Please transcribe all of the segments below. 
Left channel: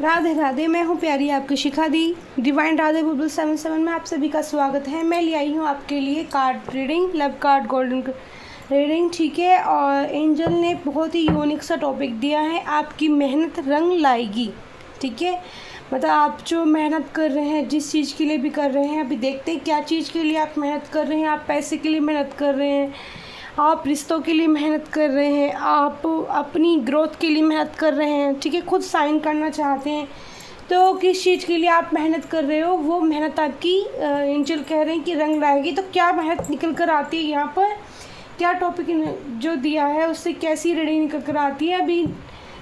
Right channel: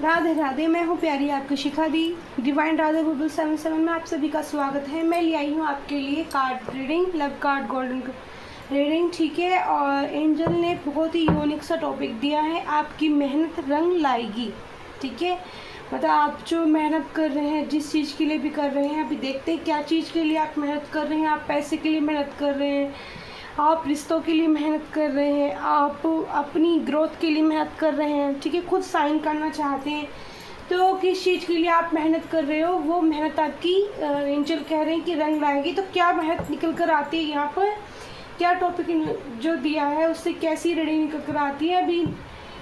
राधे राधे, मैं हूँ प्यारी आपकी शिखा दी। डिवाइन राधे बुलबुल 77 में आप सभी का स्वागत है। मैं ले आई हूँ आपके लिए card reading, love card golden reading, ठीक है। और एंजल ने बहुत ही यूनिक सा टॉपिक दिया है, आपकी मेहनत रंग लाएगी, ठीक है। मतलब आप जो मेहनत कर रहे हैं, जिस चीज़ के लिए भी कर रहे हैं, अभी देखते हैं क्या चीज़ के लिए आप मेहनत कर रहे हैं। आप पैसे के लिए मेहनत कर रहे हैं, आप रिश्तों के लिए मेहनत कर रहे हैं, आप अपनी ग्रोथ के लिए मेहनत कर रहे हैं, ठीक है। खुद साइन करना चाहते हैं, तो किस चीज़ के लिए आप मेहनत कर रहे हो, वो मेहनत आपकी एंजल कह रहे हैं कि रंग लाएगी। तो क्या मेहनत निकल कर आती है यहाँ पर, क्या टॉपिक जो दिया है उससे कैसी रीडिंग निकल कर आती है, अभी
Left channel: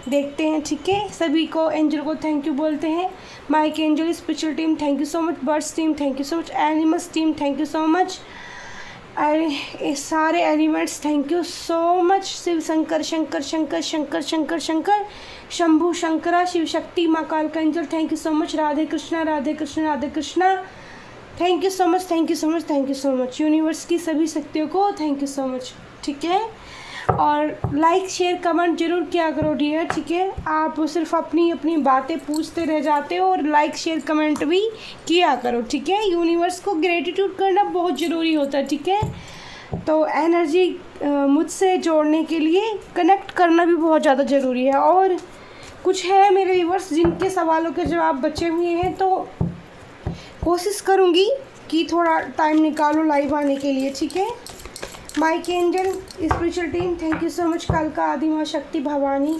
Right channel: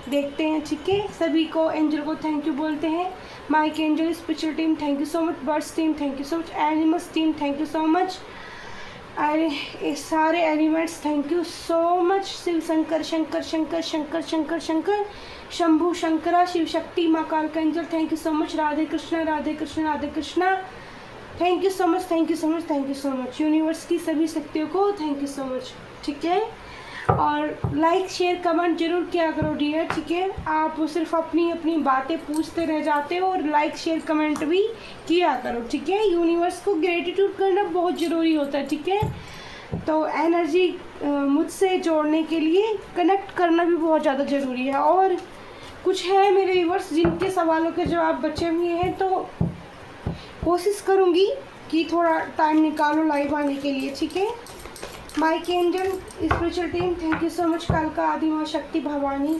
देखते हैं, ठीक है। सभी को एंजल को थैंक यू बोलते हैं। Mike angel spiritual team thank you so much, birds team thank you so much, animals team thank you so much, अरे सारे elements thank you so much. Shiv Shankar Shankar Shankar Shankar Shankar Shankar Shambhu Shankara Shiv Shakti माँ कालका angel thank you so much. Radhe Krishna Radhe Krishna Radhe Krishna thank you so much, thank you so much, thank you so much. Universe की सभी शक्तियों को thank you so much, ठीक है। और लाइक शेयर कमेंट जरूर किया करो डियर, ठीक है। आप सिर्फ अपनी अपनी बातें पूछते रह जाते हो, और लाइक शेयर कमेंट भी किया करो, ठीक है। यूनिवर्स को ग्रेटिट्यूड करना बहुत ज़रूरी होता है, ठीक है। तो एनर्जी मुझसे जोड़ने के लिए कनेक्ट करना भी बहुत ज़्यादा ज़रूरी है। और कुछ है मेरे व्यूअर्स जिनके सवालों के जवाब बचे हुए हैं, तो कोशिश करूँगी कि थोड़ा टाइम निकालो लाइव आने के लिए, ठीक है। Mike angel spiritual team thank you so much. कालका आदि माँ शक्ति भवानी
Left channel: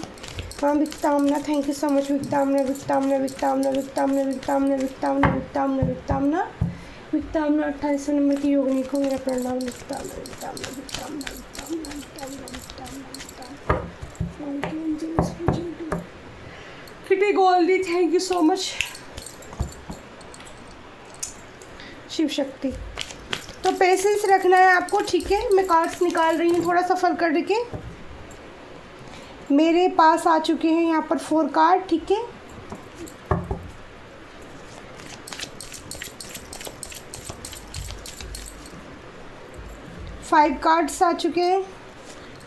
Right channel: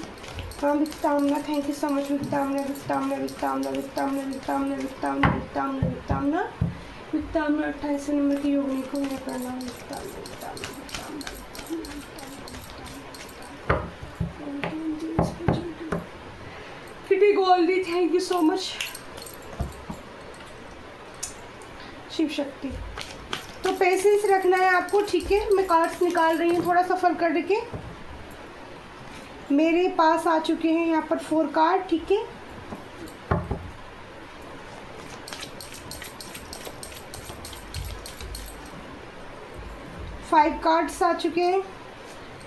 विक्तामना थैंक यू सो मच। विक्तामना विक्तामना विक्तामना विक्तामना विक्तामना विक्तामना विक्तामना विक्तामना विक्तामना 28 नंबर की योगिनी को मेरा प्रणाम। विक्तामना विक्तामना विक्तामना विक्तामना फिटी गोल्डी thank you so much. Shiv Shakti, तो पेशेंस रखना है आपको, ठीक है। मैं कार्ड्स निकाल रही हूँ थोड़ा सफ़र करके। मेरे पास आ चुके हैं यहाँ पर 4 कार्ड, ठीक है। फाइव कार्ड्स आ चुके हैं,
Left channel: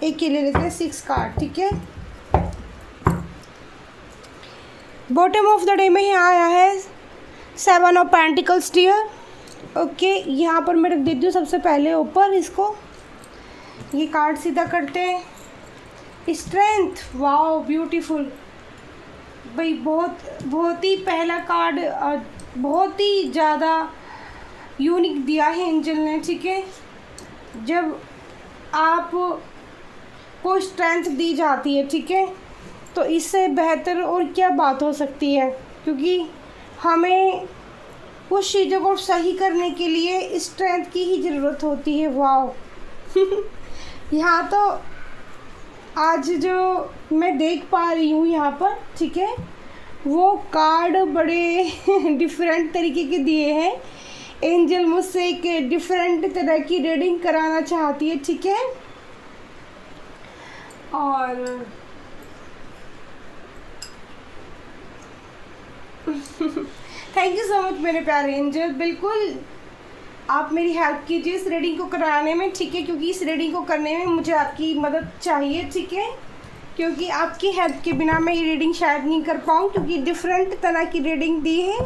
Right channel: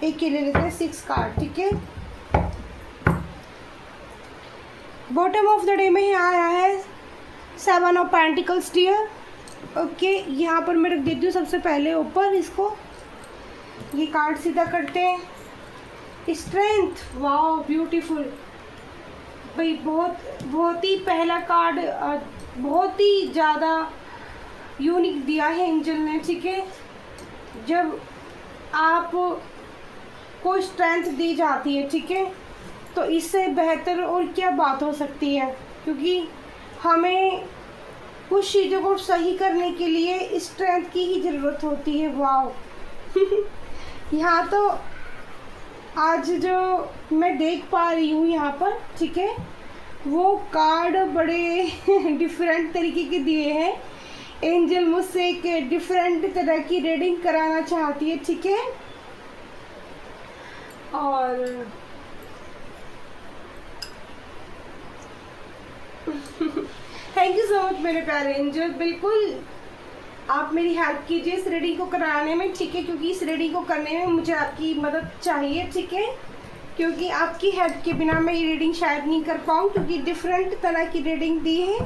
एक ही ले लेते हैं 6 कार्ड, ठीक है। बॉटम ऑफ द डे में ही आया है 7 ऑफ पेंटिकल्स डियर, ओके। यहाँ पर मैं रख देती हूँ सबसे पहले ऊपर इसको, ये कार्ड सीधा करते हैं। स्ट्रेंथ, वाओ ब्यूटीफुल भाई, बहुत ही पहला कार्ड, बहुत ही ज़्यादा यूनिक दिया है एंजल ने, ठीक है। जब आप को स्ट्रेंथ दी जाती है, ठीक है, तो इससे बेहतर और क्या बात हो सकती है, क्योंकि हमें कुछ चीज़ों को सही करने के लिए स्ट्रेंथ की ही ज़रूरत होती है। वाओ यहाँ तो आज जो मैं देख पा रही हूँ यहाँ पर, ठीक है, वो कार्ड बड़े डिफरेंट तरीके के दिए हैं। एंजल मुझसे एक डिफरेंट तरह की रीडिंग कराना चाहती है, ठीक है। और थैंक यू सो मच मेरे प्यारे एंजल, बिल्कुल आप मेरी हेल्प कीजिए इस रीडिंग को कराने में, ठीक है, क्योंकि इस रीडिंग को करने में मुझे आपकी मदद चाहिए, ठीक है। क्योंकि आपकी हेल्प के बिना मैं ये रीडिंग शायद नहीं कर पाऊँ, क्योंकि डिफरेंट तरह की रीडिंग दी है।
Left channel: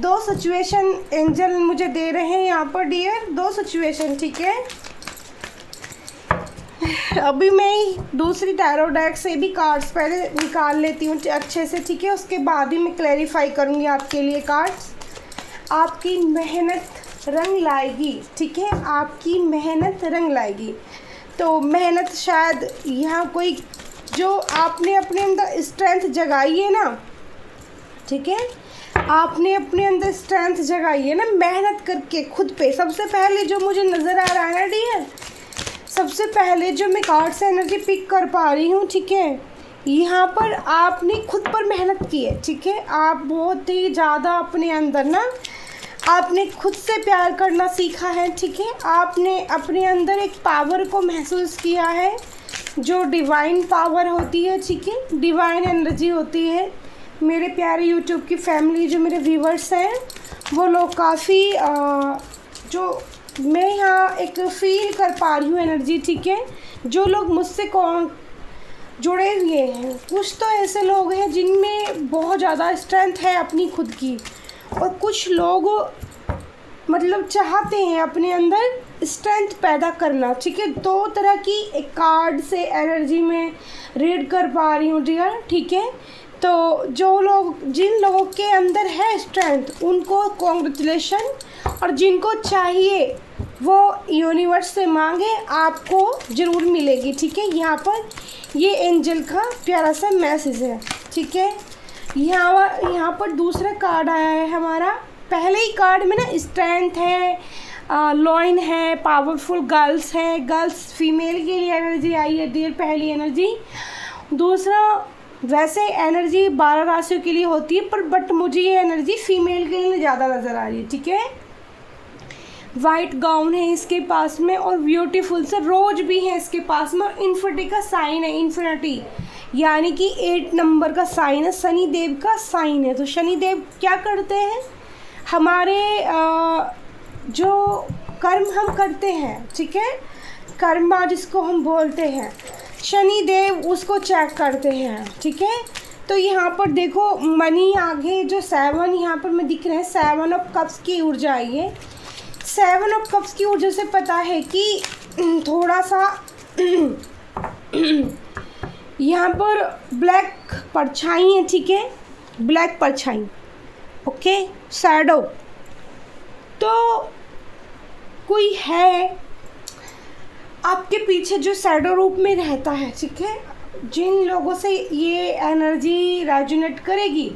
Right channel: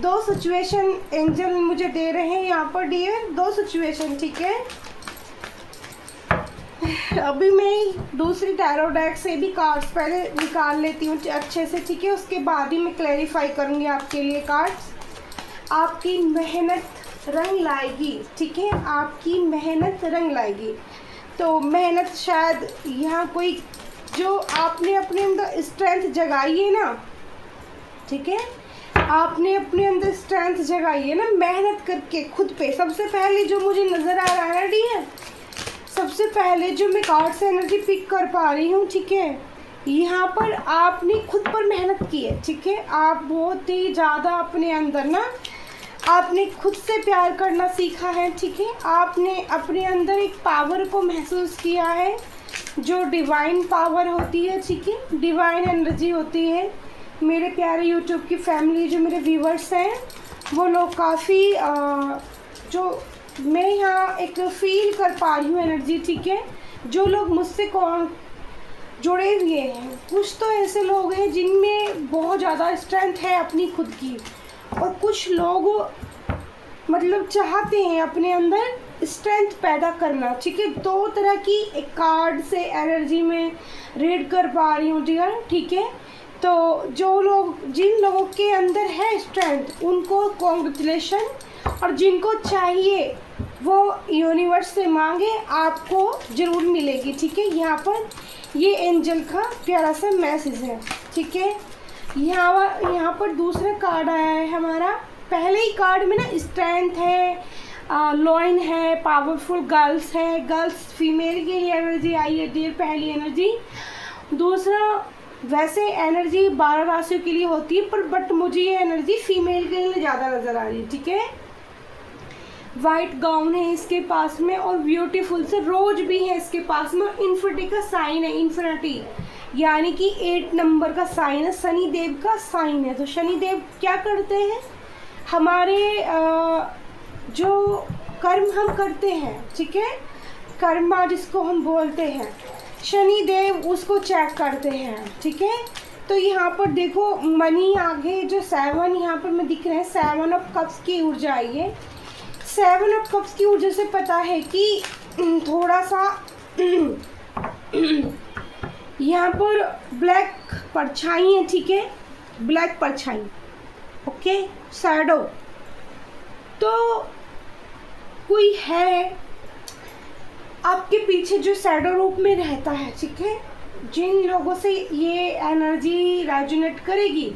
2 सिचुएशन एंजल मुझे दे रहे हैं यहाँ पर डियर, 2 सिचुएशन, ठीक है। अभी मैं दूसरी टैरो डेक से भी कार्ड्स पहले निकाल लेती हूँ अच्छे से, ठीक है। उसके बाद ही मैं क्लैरिफाई करूँगी आपके लिए कार्ड्स। आपकी मेहनत रंग लाएगी, ठीक है, आपकी मेहनत रंग लाएगी। तो मेहनत शायद यहाँ कोई जो आपने अपने अंदर स्ट्रेंथ जगाई है ना, ठीक है, आपने अपने अंदर स्ट्रेंथ जगाई है ना मेहनत करके खुद पे। सबसे पहले जो मुझे नज़र आ रहा है डियर, सबसे पहले जो मैं कार्ड से एनर्जी पिक कर पा रही हूँ, ठीक है, यहाँ पर आपने खुद पर मेहनत की है, ठीक है। आप बहुत ही ज़्यादा अपने अंदर ना, आपने खुद से प्यार करना सीखा है, ठीक है। आपने अपने अंदर एक पावर को महसूस किया है, जो डिवाइन पावर होती है, ठीक है, डिवाइन एनर्जी होती है। मेरे प्यारे यूट्यूब की फैमिली, जो मेरे व्यूवर्स हैं, वो लोग काफ़ी जो मैं यहाँ एक फील कर पा रही हूँ एनर्जी, ठीक है। जो लोग मुझसे जुड़े हुए हैं। कुछ तो ऐसे लोग हैं जिनमें बहुत ज़्यादा स्ट्रेंथ है अपनी खुद की, और कुछ लोग मतलब चाहते हैं अपने अंदर स्ट्रेंथ पैदा करना। ठीक है, दो तरह की एक कार्ड से एनर्जी में रीड कर पा रही हूँ डियर। ठीक है, तो जो लोग जिन लोगों के अंदर है स्ट्रेंथ उनको कॉन्ग्रेचुलेशन, और जिनको चाहिए वो यूनिवर्स से मांगे, आपको ज़रूर मिलेगी। ठीक है, यहाँ पर ये एंजल का प्यारा सा मैसेज है। ठीक है, यहाँ पर दूसरा कार्ड आया है हमारा। पहले ही कार्ड में ना स्ट्रेंथ है, लॉइन है, पावरफुल गर्ल्स है, गर्ल्स फीमेल के लिए एनर्जी आई है डियर, पहली एनर्जी। दूसरा वैसे एनर्जी 12 राशियों के लिए होती है, पर बट मुझे ये एनर्जी फीमेल के लिए ज़्यादा नज़र आ रही है। ठीक है, वाइट गाउन है इसके पास में, और ब्यूटीफुल से रोज भी है इसके पास में। इन्फिनिटी का साइन है, इन्फिनिटी यानी कि 8 नंबर का साइन है, शनि देव का साइन है। तो शनि देव क्या करते हैं, हमारे जो कर्म हम करते हैं, ठीक है, कर्मा जिसको हम बोलते हैं, शनि देव उसको चेक करते हैं। ठीक है, तो यहाँ पर देखो मनी आगे जो 7 यहाँ पर मैं दिख रहे हैं, 7 ऑफ कप्स की ऊर्जा आई है। 7 ऑफ कप्स की ऊर्जा से पता है कि थोड़ा सा यहाँ पर ब्लैक परछाई है। ठीक है, ब्लैक परछाई, ओके, शैडो। तो कोई है आपके पीछे जो शैडो रूप में रहता है। ठीक है, जिन लोगों से ये एनर्जी रेजोनेट करेगी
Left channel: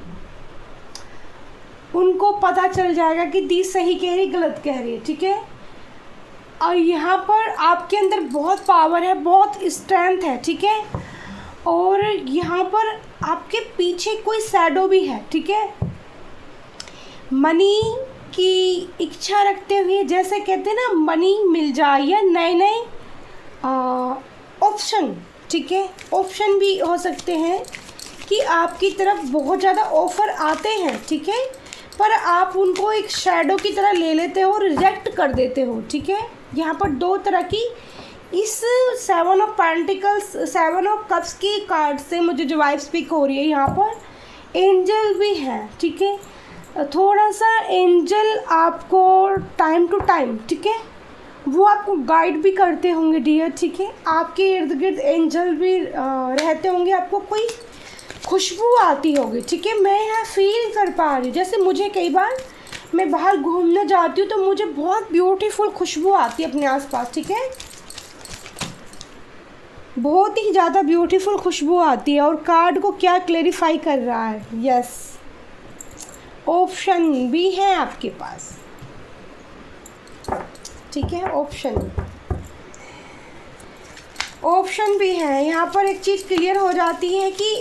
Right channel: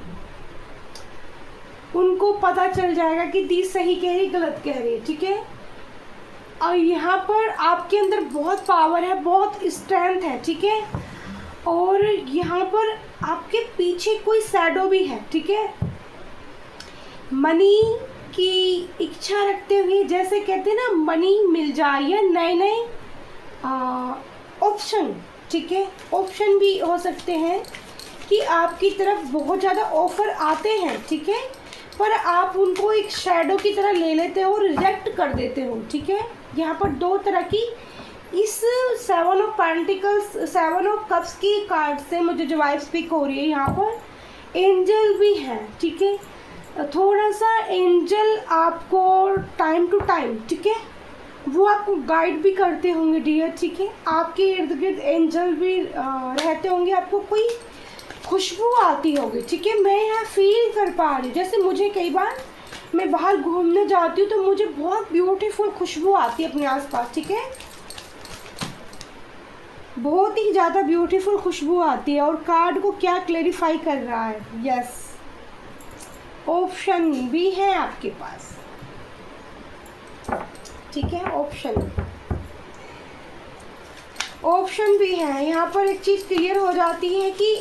उनको पता चल जाएगा कि दी सही कह रही गलत कह रही है। ठीक है, और यहाँ पर आपके अंदर बहुत पावर है, बहुत स्ट्रेंथ है। ठीक है, और यहाँ पर आपके पीछे कोई शैडो भी है। ठीक है, मनी की इच्छा रखते हुए, जैसे कहते हैं ना मनी मिल जाए या नए नए ऑप्शन। ठीक है, ऑप्शन भी हो सकते हैं कि आपकी तरफ बहुत ज़्यादा ऑफ़र आते हैं। ठीक है, पर आप उनको एक शैडो की तरह ले लेते हो, रिजेक्ट कर देते हो। ठीक है, यहाँ पर दो तरह की इस 7 ऑफ पेंटिकल्स, 7 ऑफ कप्स की कार्ड से मुझे जो वाइब स्पीक हो रही है, यहाँ पर एंजल भी है। ठीक है, थोड़ा सा एंजल आपको टाइम टू टाइम, ठीक है, वो आपको गाइड भी करते होंगे डियर। ठीक है, आपके इर्द गिर्द एंजल भी रहते होंगे, आपको कोई खुशबू आती होगी। ठीक है, मैं यहाँ फील कर पा रही, जैसे मुझे कई बार मैं बाहर घूमने जाती हूँ तो मुझे बहुत ब्यूटीफुल खुशबू आती है अपने आसपास। ठीक है, बहुत ही ज़्यादा ब्यूटीफुल खुशबू आती है। और कार्ड को क्या क्लेरिफाई कर रहा है, यस, ऑप्शन भी है आपके पास। ठीक है, ऑप्शन भी है। यहाँ पर एक चीज़ क्लियर हो जाती है कि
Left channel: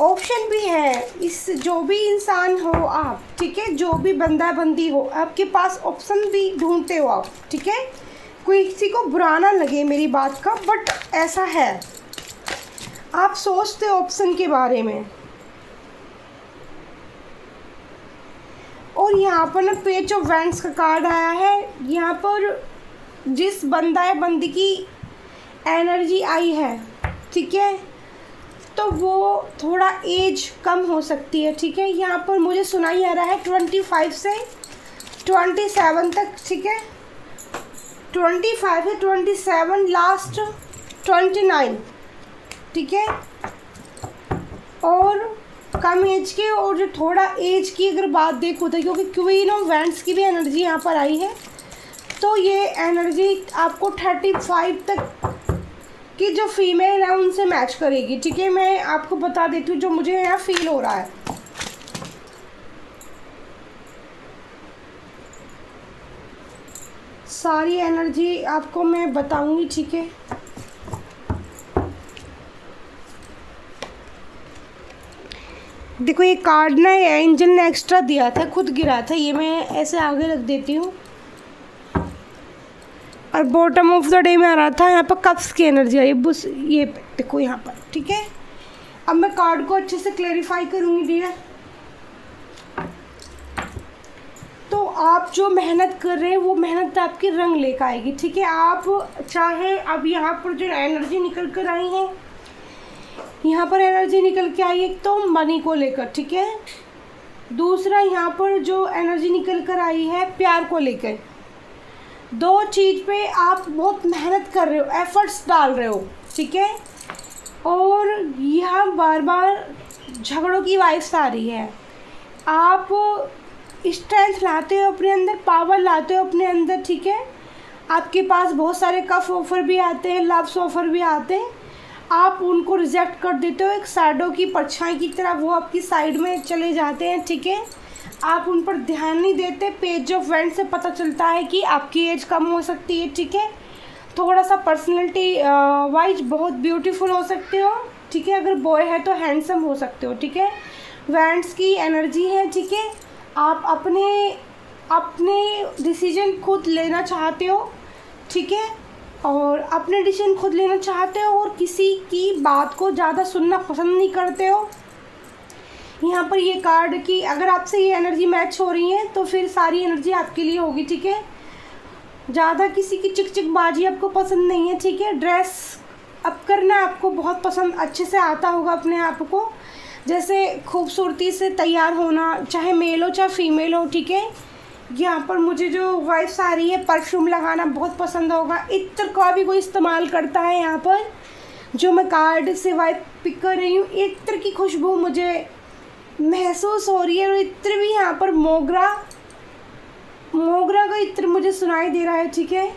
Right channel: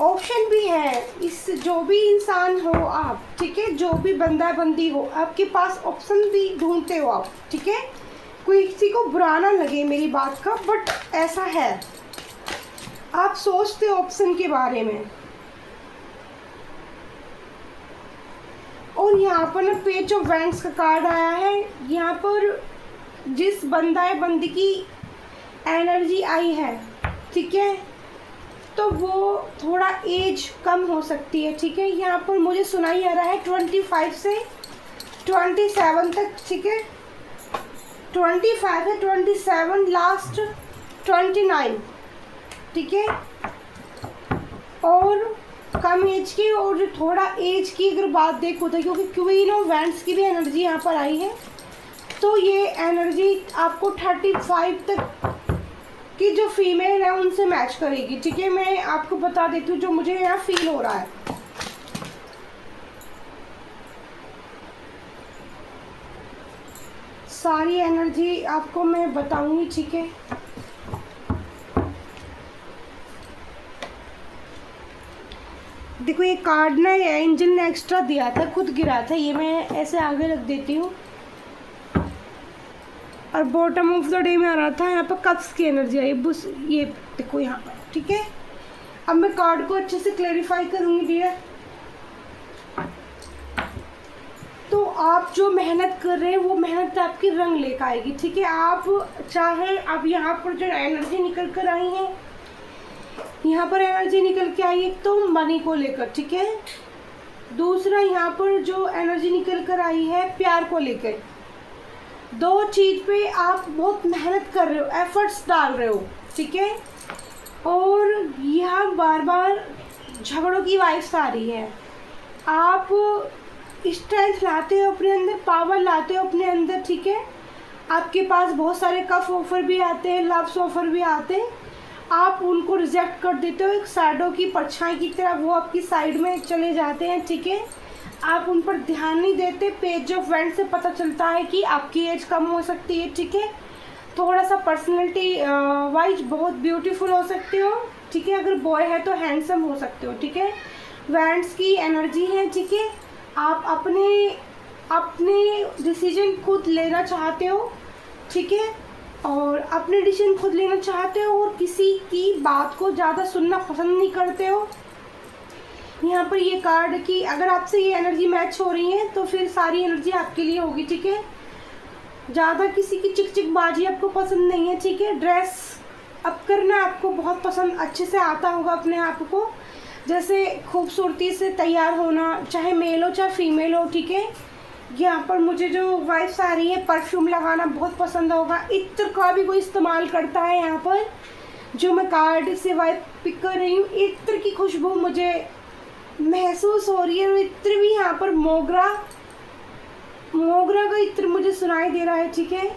ऑप्शन भी है। इस जो भी इंसान हो आप, ठीक है, जो भी बंदा बंदी हो, आपके पास ऑप्शन भी ढूंढते हो आप। ठीक है, कोई किसी को बुरा ना लगे मेरी बात का, बट ऐसा है, आप सोचते हो ऑप्शन के बारे में। और यहाँ पर ना पेज ऑफ वैंड्स का कार्ड आया है। यहाँ पर जिस बंदा है बंदी की एनर्जी आई है, ठीक है, तो वो थोड़ा एज कम हो सकती है। ठीक है, यहाँ पर मुझे सुनाई आ रहा है 25 से 27 तक। ठीक है, 25 है, 27, लास्ट 29। ठीक है, और कम एज के और जो थोड़ा एज की अगर बात देखो तो, क्योंकि क्वीन ऑफ वैंड्स की भी एनर्जी यहाँ पर आई है, तो ये एनर्जी आपको 35 तक की जो फीमेल है उनसे मैच करेगी। ठीक है, मैं आपको बता देती हूँ जो मुझे यहाँ फील हो रहा है। सारी एनर्जी आपको मैं बताऊंगी। ठीक है, देखो ये कार्ड ना एंजल ने एक्स्ट्रा दिया था, खुद गिरा था, ये मैं ऐसे आगे रख देती हूँ। और बॉटम ऑफ द डे में आ रहा था, यहाँ पर कप्स की एनर्जी आई, बस ये देखो यहाँ पर। ठीक है, अब मैं कार्ड को अच्छे से क्लेरिफाई करूँगी डियर। तो आप जो मेहनत कर रहे हैं वो मेहनत आपकी रंग लेकर आएगी, ठीक है। आप चाहे अब यहाँ पर जो एनर्जी निकल कर आई है, यहाँ पर एनर्जी निकल के आई है तो मनी को लेकर, ठीक है। दूसरा यहाँ पर जो एनर्जी निकल कर आई है प्यार को लेकर। दो चीज़ पे आप बहुत मेहनत कर रहे हो, एफर्ट्स डाल रहे हो, ठीक है। और यहाँ बार बार झगड़ों की वाइब्स आ रही है। आप स्ट्रेंथ लाते हो अपने अंदर, पावर लाते हो अपने अंदर, ठीक है। आपके पास बहुत सारे कफ ऑफर भी आते हैं, लव्स ऑफर भी आते हैं, आप उनको रिजेक्ट कर देते हो। एक शैडो की परछाई की तरह वो आपकी साइड में चले जाते हैं, ठीक है। आप उन पर ध्यान नहीं देते। पेज ऑफ वेंट से पता चलता है कि आपकी एज कम हो सकती है, ठीक है। थोड़ा सा पर्सनैलिटी वाइज बहुत ब्यूटीफुल हो सकते हो, ठीक है। अगर बॉय है तो हैंडसम हो सकते हो, ठीक है। वेंट्स की एनर्जी है, ठीक है। आप अपने डिसीजन खुद लेना चाहते हो, ठीक है। और अपने डिसीजन खुद लेना चाहते हो और किसी की बात को ज़्यादा सुनना पसंद नहीं करते हो। यहाँ पर ये कार्ड की अगर आपसे ये एनर्जी मैच हो रही है तो फिर सारी एनर्जी आपके लिए होगी, ठीक है। ज़्यादा किसी की चिकचिकबाजी आपको पसंद नहीं है, ठीक है। ड्रेस अप करना आपको बहुत पसंद, अच्छे से आता होगा अपने आप को, जैसे खूबसूरती से तैयार होना, चाहे मेल हो चाहे फीमेल हो, ठीक है। यहाँ पर मुझे जो वाइब्स आ रही है, परफ्यूम लगाना बहुत पसंद होगा। इत्र का भी कोई इस्तेमाल करता है यहाँ पर, जो मैं कार्ड से वाइब पिक कर रही हूँ। इत्र की खुशबू मुझे महसूस हो रही है। और इत्र भी यहाँ पर मोगरा का इत्र मुझे सुनाई दे रहा है, ठीक है।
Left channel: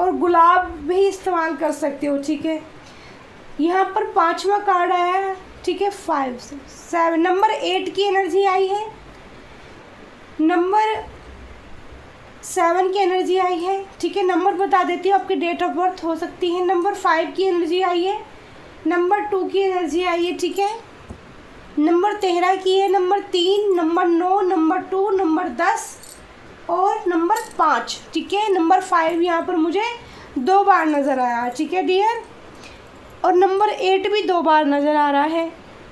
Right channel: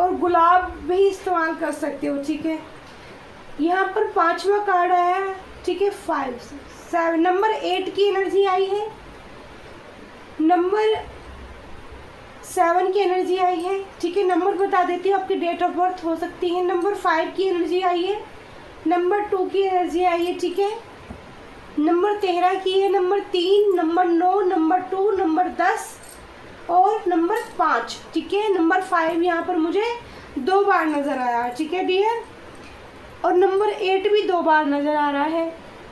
और गुलाब भी इस्तेमाल कर सकते हो, ठीक है। यहाँ पर 5वां कार्ड आया है, ठीक है। 5 से 7 नंबर 8 की एनर्जी आई है, नंबर 7 की एनर्जी आई है, ठीक है। नंबर बता देती हूँ, आपकी डेट ऑफ बर्थ हो सकती है। नंबर 5 की एनर्जी आई है, नंबर 2 की एनर्जी आई है, ठीक है। नंबर 13 की है, नंबर 3, नंबर 9, नंबर 2, नंबर 10 और नंबर 5, ठीक है। नंबर 5 यहाँ पर मुझे 2 बार नज़र आया, ठीक है डियर। और नंबर 8 भी 2 बार नज़र आ रहा है।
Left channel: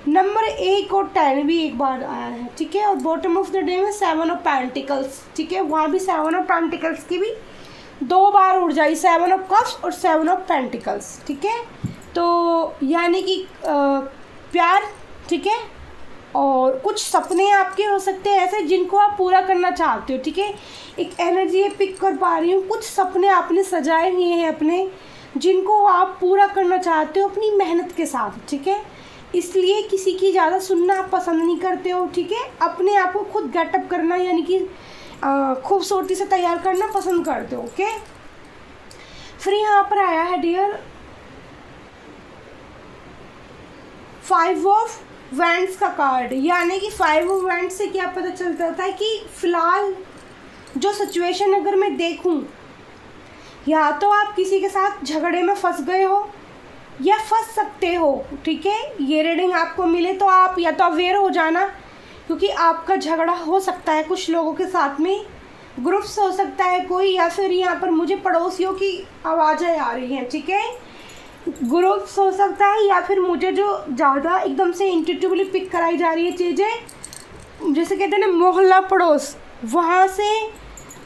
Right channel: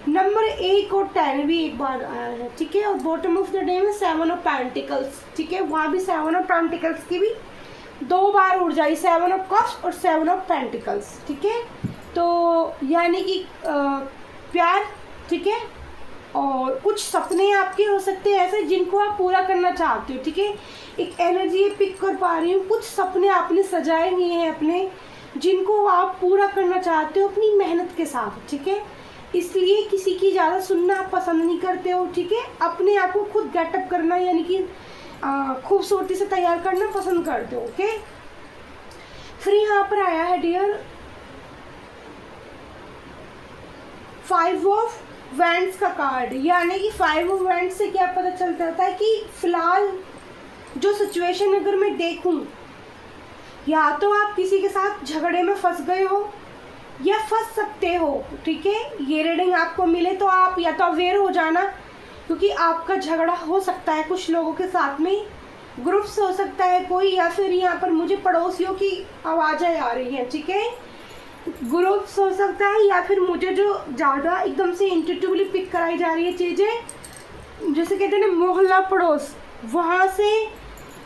नंबर 1 और 10 भी 1 बार आया है, ठीक है। और बॉटम ऑफ द डे में 7 ऑफ पेंटिकल्स, ठीक है। वहाँ भी 7 ऑफ पेंटिकल्स की भी 2 बार ऊर्जा आई, 7 ऑफ कप्स और 7 ऑफ पेंटिकल्स, ठीक है। तो यानी कि प्यार, ठीक है। और कुछ सपने आपके हो सकते हैं ऐसे जिनको आप पूरा करना चाहते हो, ठीक है। एक एनर्जी पिक कर पा रही हूँ, कुछ सपने आपने सजाए हुए हैं अपने, जिनको आप पूरा करना चाहते हो अपनी मेहनत के साथ, ठीक है। इसलिए किसी की ज़्यादा सुनना आप पसंद नहीं करते हो, ठीक है। अपने आप को खुद गेटअप करना यानी कि खूबसूरती से तैयार करना पसंद करते हो, ओके। फिर यहाँ पर आया है डियर 5 ऑफ वेंट्स का कार्ड, यानी कि 5 ऑफ वेंट्स से क्या पता चलता है कि फिलहाल जो सिचुएशन अगर मैं देखूं, या तो आप किसी के साथ झगड़े में फंस गए हो या फंस सकते हो, ठीक है। ये रीडिंग आपको मिले तो आप या तो अवेयर हो जाना, क्योंकि आपका झगड़ा हो सकता है कुछ लोगों के साथ में, ग्रुप्स हो सकता है कोई, या फिर यहाँ पर मुझे पड़ोसियों की आवाज़ें आ रही हैं, ठीक है। ग्रुप्स हो सकता है, या फिर मुझे जो ज़्यादा एकदम से इंट्यूटिवली पिक कराई जा रही है चीज़ें, जैसे कहते हैं ना मोहल्ला पड़ोस, वहाँ से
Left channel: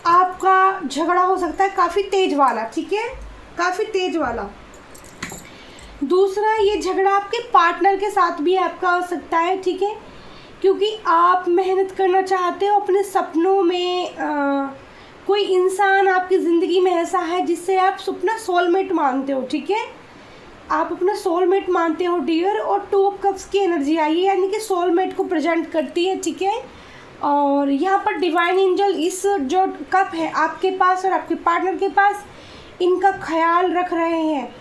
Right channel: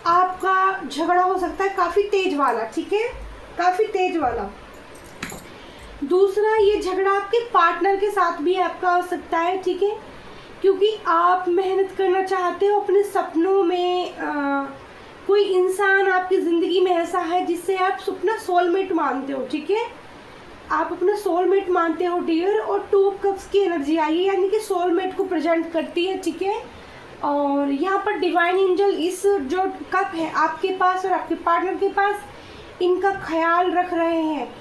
आपका झगड़ा हो सकता है काफ़ी तेज वाला, ठीक है, काफ़ी तेज वाला। दूसरा, ये झगड़ा आपके पार्टनर के साथ भी आपका हो सकता है, ठीक है, क्योंकि आप मेहनत करना चाहते हो अपने सपनों में। कोई इंसान आपकी ज़िंदगी में ऐसा है जिससे आप अपना सोलमेट मानते हो, ठीक है। आप अपना सोलमेट मानते हो डियर। और 2 कप्स की एनर्जी आई है, यानी कि सोलमेट को प्रेजेंट करती है, ठीक है। और यहाँ पर डिवाइन एंजल इस जो कप है आपके पास और आपके पार्टनर के पास, इनका ख्याल रख रहे हैं।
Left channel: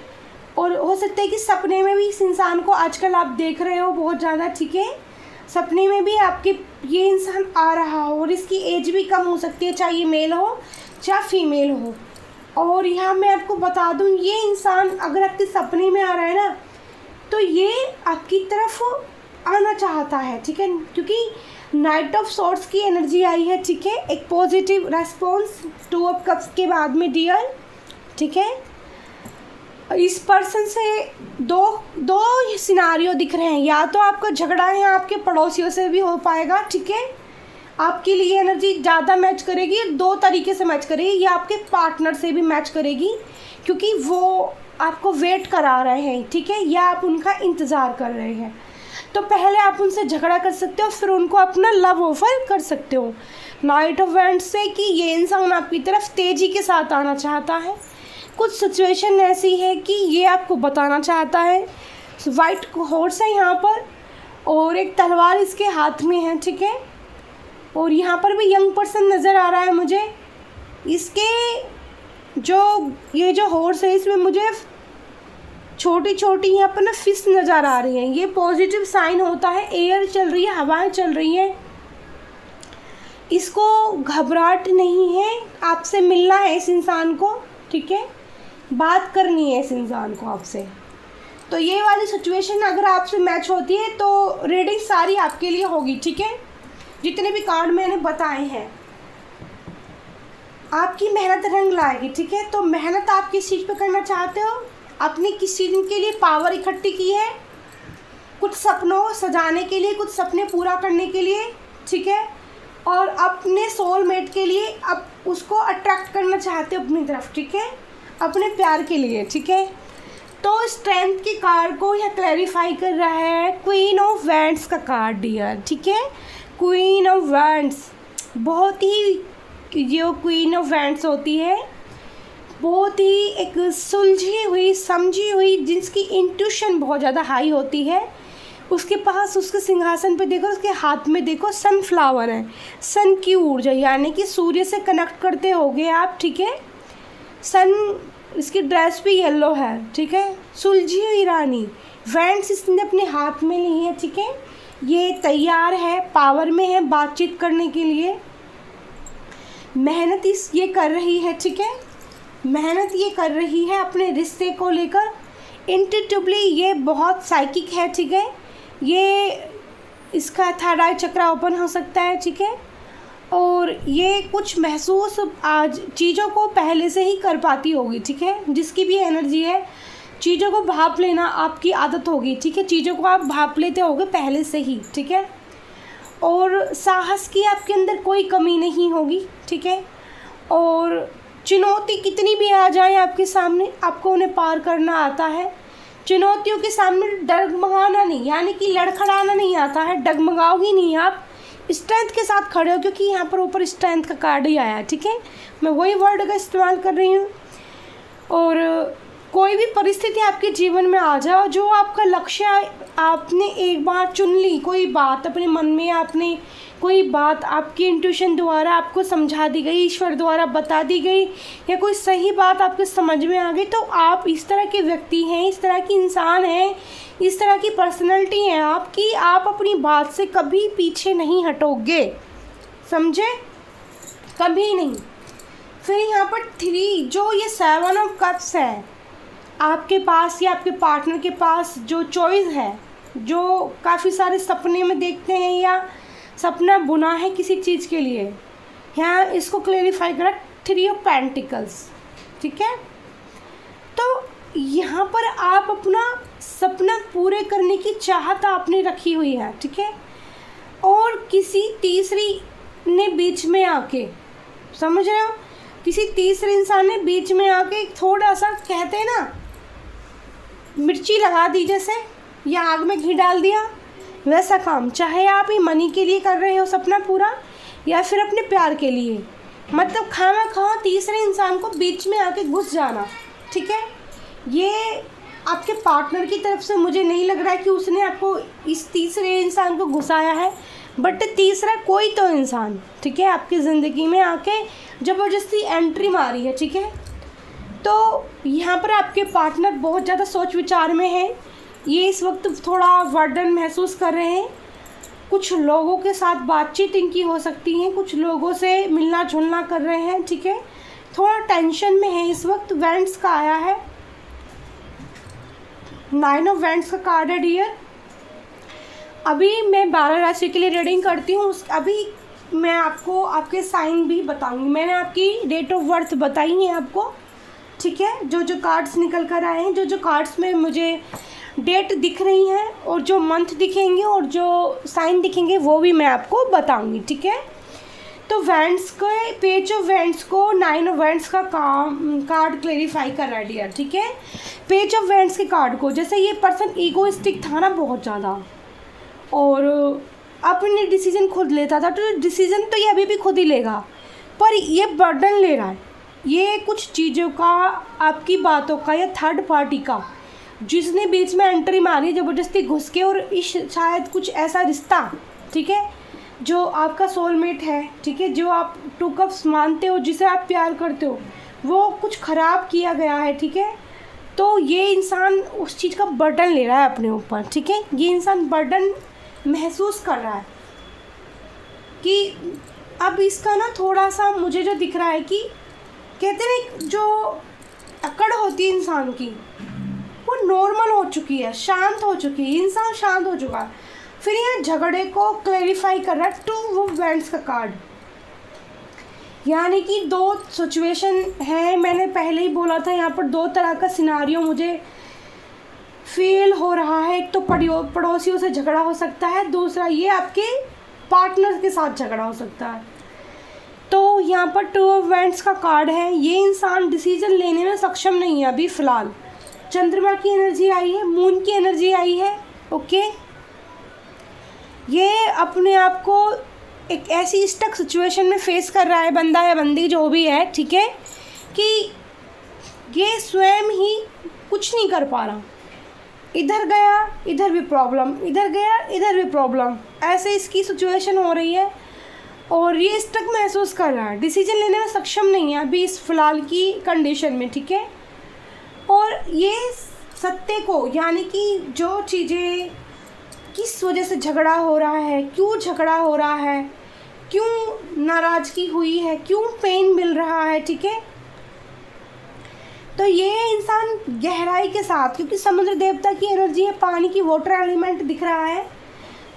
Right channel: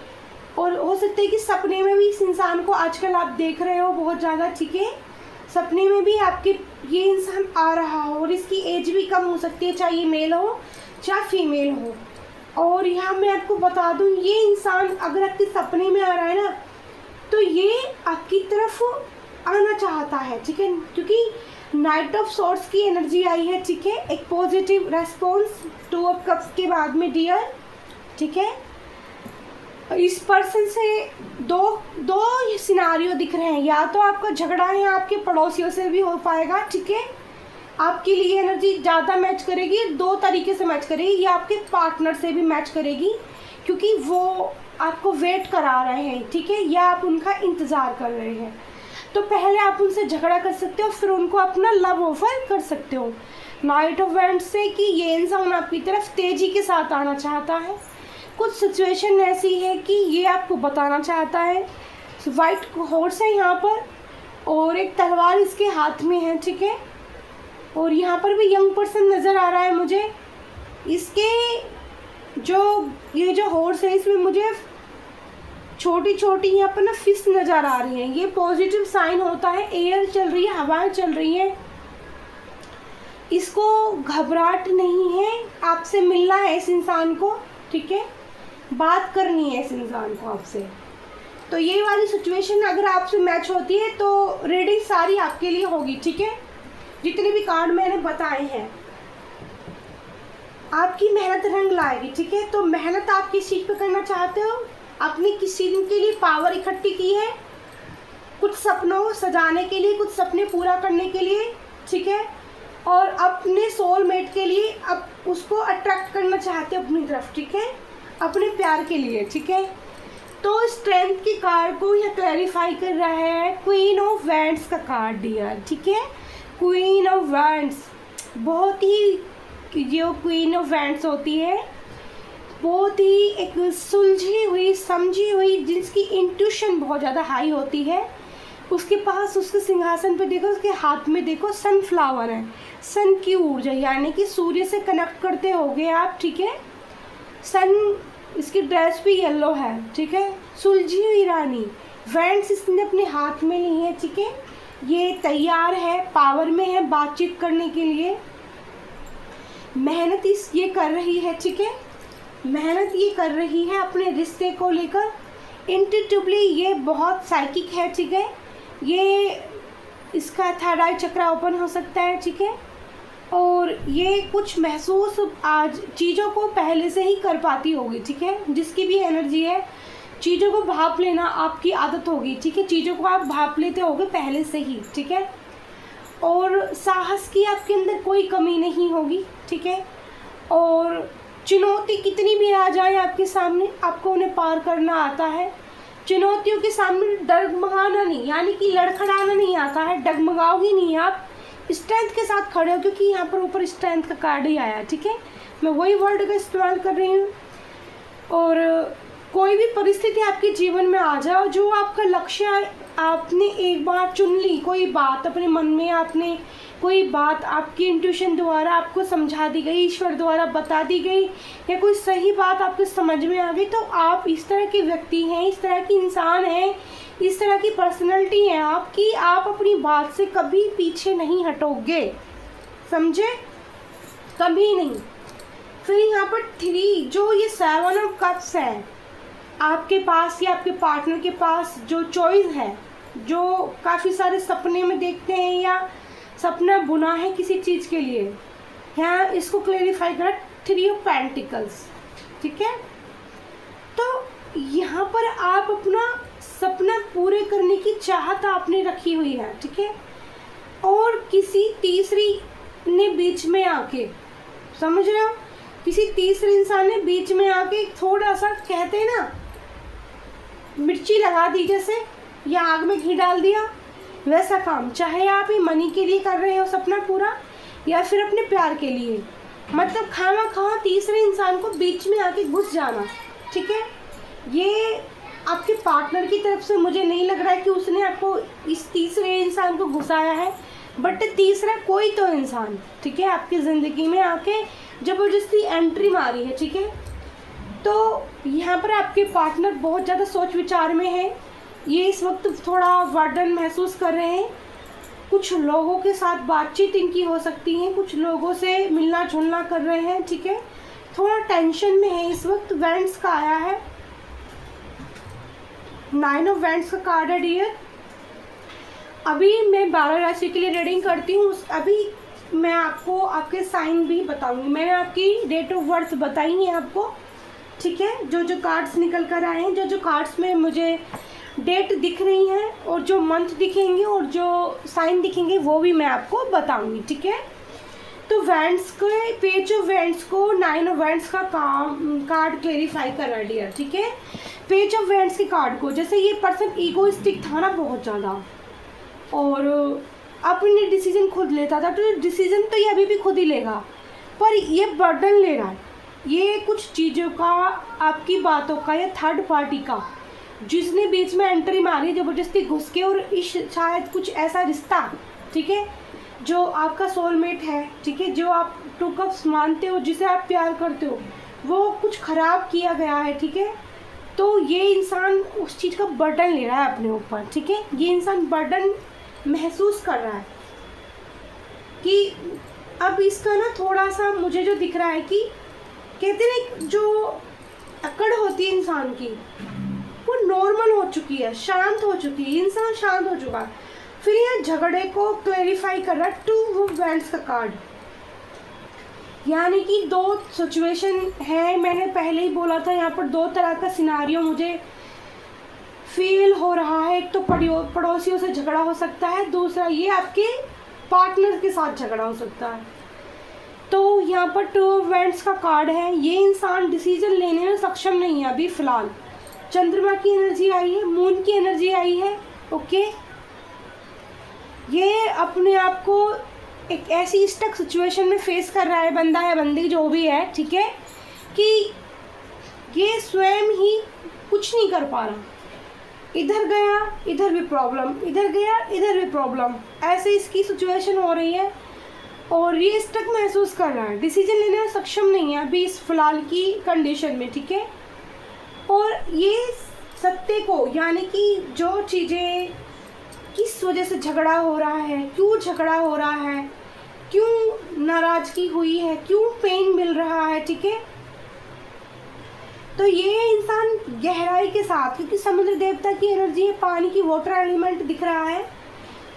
और हो सकता है कि सपने में भी इस इंसान को आजकल आप देख रहे हो बहुत ज़्यादा, ठीक है। सपने में भी आपके ये इंसान आ रहा हो और इसकी एज भी कम हो सकती है, चाहे ये मेल हो चाहे फीमेल हो। और यहाँ मैं आपको बता दूँ, ये इंसान अगर आपके सपने में आ रहा है ना, तो ये आपकी तरफ आना चाहता है, ठीक है, क्योंकि नाइट ऑफ सॉर्ड्स की एनर्जी आई है, ठीक है। एक पॉजिटिव रेस्पॉन्स 2 ऑफ कप्स के बाद में डियर, ठीक है। इस पर्सन से दो सिनारियो दिख रहे हैं, या तो आपका झगड़ा है आपके पड़ोसियों से भी हो पाएगा, ठीक है। आपके लिए एनर्जी ज़्यादा मैच करेगी, दो तरीके से मैच करेगी। या आपके पार्टनर से भी मैच करेगी क्योंकि वो आपको वेट करा रहे हैं, ठीक है, या आप उनका इंतज़ार कर रहे हैं। तो पहले आप उनसे झगड़ा कर सकते हो, फिर उनको अपना लव ऑफर कर सकते हो नाइट ऑफ वैंड्स से कि ये इंसान आपकी तरफ तेज़ी के साथ आना चाहता है। कुछ सिचुएशन ऐसी है कि ये आपको बताना चाहता है। वाइट हॉर्स है यहाँ पर और एक तलवार इसके हाथ में है, ठीक है। और यहाँ पर भी यंग पर्सन नज़र आ रहा है मुझे। इसके ये जो हॉर्स है इसमें मुझे छोटी छोटी यहाँ पर ना फिश नज़र आ रही हैं। ये पॉजिटिव साइन होता है। एयर चल रही है, हवाएं चल रही हैं। इसको घबराहट नहीं है, आपसे मिलना है इस इंसान को, ठीक है, बात करनी है इस इंसान को आपसे। तो ये वाली सिचुएशन अगर आपसे मैच होती है तो रीडिंग सारी आपके लिए होगी, ठीक है। जितने भी कार्ड मैंने बताए हैं आपकी मेहनत रंग लाएगी, ठीक है। तो मेहनत आप किस चीज़ पे करना चाहते हो? अपनी किसी दिन के लिए पावर इकट्ठी की है, कुछ सपनों को सजाने के लिए, कुछ सपने पूरा करने के लिए, ठीक है। और अपने सोलमेट के लिए अब उसको अट्रैक्ट करना चाहते हो अपनी तरफ, ठीक है, अपने प्यार के लिए, ठीक है। तो स्ट्रेंथ के कार्ड को यह क्लैरिफाई कर रहा है क्वीन ऑफ वैंड्स का कार्ड डियर, ठीक है। क्वीन ऑफ वैंड्स बहुत ही, जो क्वीन ऑफ वैंड्स होती है बहुत ही एक सुलझी हुई, समझी हुई, जिसकी इंट्यूशन बहुत ज़्यादा हाई होती है। उसके पास, उसके सिंहासन पे देखो, उसके हाथ में देखो सनफ्लावर है, सन की ऊर्जा, यानी कि सूर्य से कनेक्ट करते होगे आप, ठीक है। सन, इसकी ड्रेस भी येलो है, ठीक है। सुलझी हुई रानी, वैंड्स इसने अपने हाथ में ली है, ठीक है। ये तैयार है, पावर में है बातचीत करने के लिए। मेहनत ये कर रही है, ठीक है। मेहनत ये कर रही है अपने रिश्ते को लेकर। इंट्यूटिवली ये बहुत साइकिक है, ठीक है। ये इसका थर्ड आई चक्रा ओपन हो सकता है, ठीक है। और ये कुछ महसूस आज चीज़ों को पहले से ही कर पाती होगी, ठीक है। जिसकी भी एनर्जी है, चीज़ों को भाप लेना आपकी आदत होगी, ठीक है। चीज़ों को आप भाप लेते होगे पहले से ही, ठीक है। और साहस की आपके अंदर कोई कमी नहीं होगी, ठीक है। और चुनौती कितनी भी आ जाए आपके सामने, आपको उन्हें पार करना आता है। चुनौतियों के सामने डगमगाना नहीं, यानी कि लड़खड़ाना नहीं आता है, डगमगाओगी नहीं आप, स्ट्रेंथ के साथ खड़े हो, क्योंकि यहाँ पर ऊपर स्ट्रेंथ का कार्ड ही आया, ठीक है। मैं वही वर्ड का इस्तेमाल कर रही हूँ। और कोई भी परिस्थिति आपके जीवन में आ जाओ, जो आपका लक्ष्य है, आपने एक बार चुन ली कोई बात अपने मन में, आपने कोई बात आपकी इंट्यूशन द्वारा आपको समझा दी गई, ईश्वर द्वारा बता दी गई, या कोई सही बात आपको समझ में आ गई, तो आप इस तरह के व्यक्ति हैं, इस तरह की इंसान हैं, इस तरह की पर्सनैलिटी है आपकी, आप अपनी बात से कभी पीछे नहीं हटोगे, समझे, कभी नहीं। फिर यहाँ पर 3 जो ये 7 ऑफ कप्स है आपके पास या आपके पार्टनर के पास, जो चॉइस है, जो काफ़ी सारे सपने में देखते हैं या सपना बुना है किसी चीज़ के लिए, यहाँ इसको क्लेरिफाई करा 3 ऑफ पेंटिकल्स, ठीक है। तो यहाँ पर आप अपना सपना पूरे करने की चाहत आपने रखी हुई है, ठीक है। और किसी तीसरी ने बीच में आके, समझ रहे हो, किसी तीसरे इंसान ने बीच में आके थोड़ा सा, कहते हैं ना, मिर्ची लगा दी जैसे, या आग में घी डाल दिया, वैसा काम। चाहे आप ये मनी के लिए कर रहे हो सपना पूरा, या फिर अपने प्यार के लिए, मतलब खाना खाओ तीसरे इंसान को बीच में आके घुस जाना, ठीक है। ये आपके पार्टनर की तरफ से मुझे नहीं लग रहा है कि उसने आपको इस तीसरे इंसान को घुसाया है, बट तीसरा कोई तो इंसान, ठीक है, आपकी ज़िंदगी में आके ज़बरदस्ती एंट्री मारी है, ठीक है। तो यहाँ पर आपके पार्टनर बहुत ज़्यादा सोच विचार में है। ये इस वक्त थोड़ा वर्डन महसूस कर रहे हैं। कुछ लोगों के साथ बातचीत इनकी हो सकती है, कुछ लोगों से मिलना जुलना कर रहे हैं, ठीक है। थोड़ा टेंशन में है इस वक्त। वैंड्स का आया है, 9 ऑफ वैंड्स का कार्ड है डियर। अभी मैं 12 राशि के लिए रीडिंग करती हूँ, अभी मैं आपको आपके साइन भी बताऊंगी। मैंने आपकी डेट ऑफ बर्थ बताई है आपको, ठीक है। जो जो कार्ड्स निकल कर आए हैं, जो जो कार्ड्स में मुझे डेट दिख रही है और जो मंथ दिखेंगे और जो साइन दिखेंगे वो भी मैं आपको बताऊंगी, ठीक है। तो वेंट्स के पेज ऑफ वेंट्स को 9 ऑफ वेंट्स का कार्ड क्लेरिफाई कर रहा है डियर, ठीक है। पेज ऑफ वेंट्स के कार्ड को, जैसे ये पर्सन ईगोइस्टिक था ना बहुत ज़्यादा, और अपने डिसीजन खुद लेता था, तो डिसीजन तो ये अभी भी खुद ही लेगा, पर ये बर्डन ले रहा है, ये कुछ चीज़ों का, आपकी बातों का, या थर्ड पार्टी का, जिसने बीच में एंट्री मारी ज़बरदस्ती घुस के, और इस शायद कुछ ऐसा रिश्ता, ठीक है, जो आपका सोलमेट है, ठीक है, जो आप टू कप्स मानते हो, जिसे आप प्यार करते हो, वो कुछ ख़राब किया गया है, ठीक है। तो ये इंसान उस चीज़ का बर्डन ले रहा है अपने ऊपर, ठीक है। ये इंसान बर्डन महसूस कर रहा है कि अब इसका ना थोड़ा सा मुझे जो दिख रहा है कि कहते हैं जो अकड़ होती है इंसान की, वो नॉर्मल हो चुकी है, शांत हो चुकी है, इंसान शांत हो चुका है। फिर यहाँ झगड़े को क्लेरिफाई कर रहा है टू वेंट्स का कार्ड, यानी कि दो सिचुएशन है, मैंने पहले ही बोला था, यहाँ पर दो तरह का सिनारियो मुझे फील हो रहा है। एक तो पड़ोसियों से झगड़ा हो सकता है, दूसरा ये आपके पार्टनर के साथ झगड़ा हो सकता है। तो यहाँ पर टू ऑफ वेंट्स का कार्ड है, ये इंसान डिसीजन लेने में सक्षम नहीं है अभी फ़िलहाल। चंद्रमा की एनर्जी आई है, मून की एनर्जी आई है, ओके। ये अपने आप को एक ऐसी स्टक सिचुएशन में फेस कर रहा है, बंदा या बंदी जो भी है, ठीक है, कि ये स्वयं ही कुछ नहीं कर पा रहा, इधर गया इधर भी प्रॉब्लम, इधर गया इधर भी प्रॉब्लम, ऐसे इसकी सिचुएशन हो रही है, और ये स्टक महसूस कर रहा है, डिसीजन लेने में सक्षम नहीं है अभी इस फिलहाल की कंडीशन में, ठीक है। और ये सत्य को, यानी कि जो चीज़ें किस वजह से झगड़ा हो रहा है, क्यों झगड़ा हो रहा है, क्यों नाराज़गी हुई है, क्यों पेन मिल रहा है, ठीक है। तो ये इंसान गहराई के साथ, क्योंकि समुद्र देवता की एनर्जी है, पानी की, वाटर एलिमेंट दिख रहा है,